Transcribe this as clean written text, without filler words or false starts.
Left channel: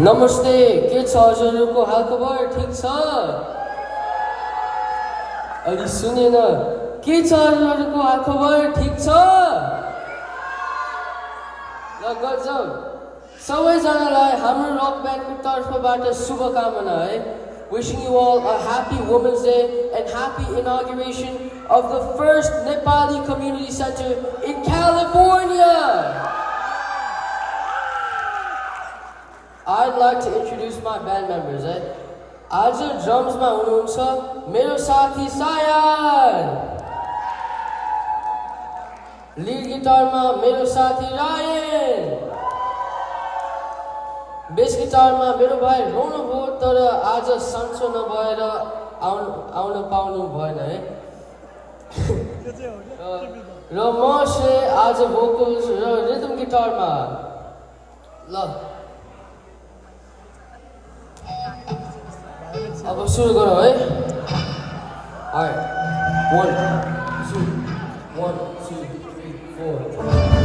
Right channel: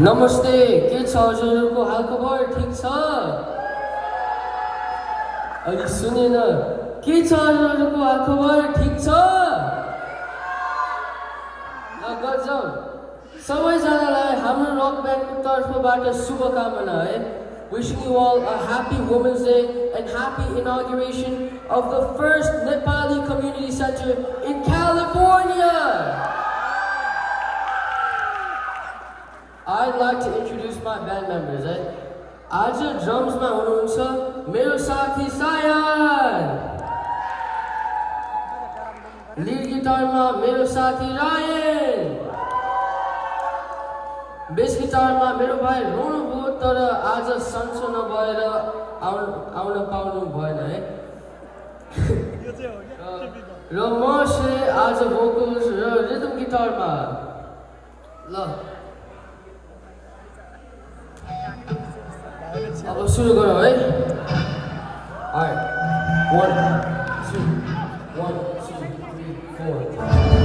नमस्ते के छ हजुरहरूको हालखबर ठिक छ अलि सुनेन के छ हजुरहरूको हालखबर ठिक छ ल गजब सबैजनालाई हाम्रो रक ब्यान्डको तर्फबाट शुभकामना है wishing you all a happy Women's Day and happy inauguration of the first Nepali Community Center in California. I'd like to introduce my band members. आज drums मा हुनुहुन्छ मेरो साथी सायन, lead guitar मा मेरो साथी रायन, bass guitar मा मेरो भाइ रोनु भयो तर आज सन्चो नभएर आउन पाउनु भएन है र म से आज vocals र rhythm guitar मा ल अब सुरु गरौँ है Alright 1 2 1 2 3 4